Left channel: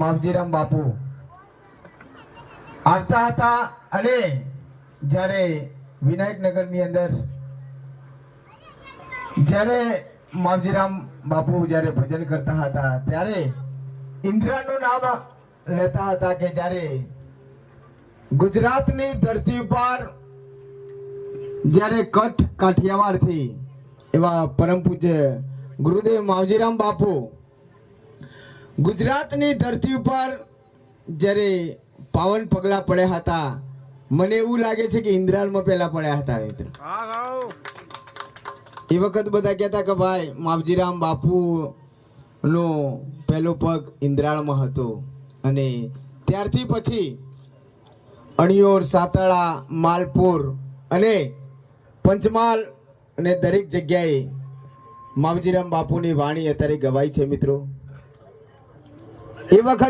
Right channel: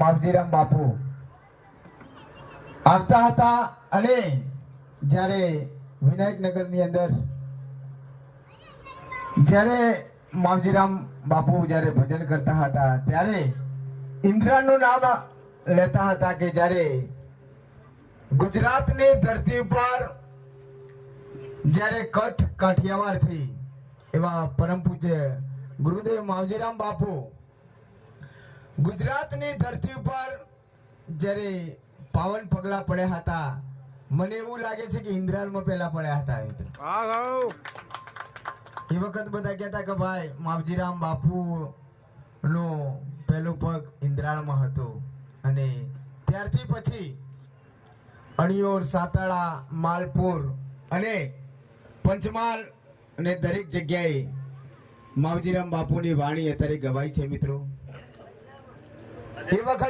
માવજીરામ બાપુ આવતા હતા અને જ્યારે વિનાયકનગરની અંદર જ્યારે માવજીરામ બાપુ જ્યારે ભજન કરતા હતા ત્યારે ઇન્દ્રાનું નામ લેતા હતા કે જ્યારે ગુજરાતની ધરતી ઉપર જ્યારે કચ્છ કાઠિયાવાડથી એવા પરમ પૂજ્ય ગુરુદેવ માવજીરામ બાપુ ગુજરાતની ધરતી ઉપર જ્યારે પાવન પગલા પડ્યા હતા, મને એવું લાગે છે કે ઇન્દ્રાલમાં પહેલા પડ્યા હતા મિત્રો. એ વખત બધા કહેતા કે ભાઈ માવજીરામ બાપુ નો પહેલો પગ ઇન્દ્રાળમાં હતો અને ત્યારથી પછી અણિયોર, સાતાળા, માલપુર અને પંચમહાલ અને દરેક જગ્યાએ માવજીરામ બાપુની વાણી અત્યારે ગવાય છે મિત્રો. એ વખત